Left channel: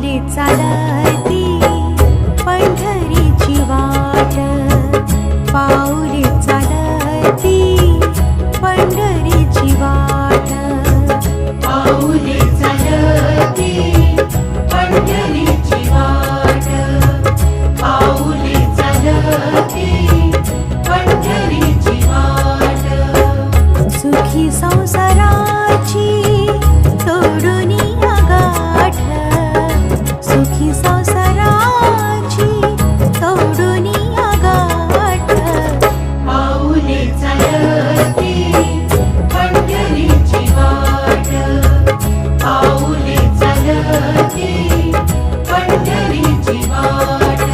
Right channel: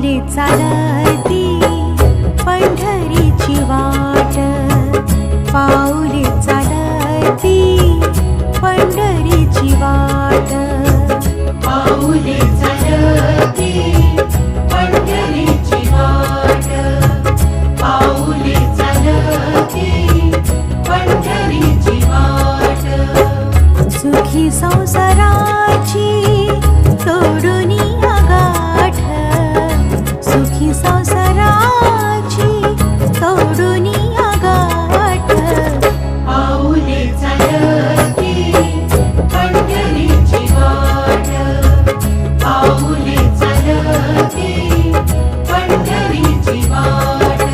पाऊले चालती पंढरीची वाट, पाऊले चालती पंढरीची वाट, पाऊले चालती पंढरीची वाट, पाऊले चालती पंढरीची वाट. सुखी संसाराची तोडून गाठ, सुखी संसाराची तोडून गाठ, पाऊले चालती पंढरीची वाट, पाऊले चालती पंढरीची वाट.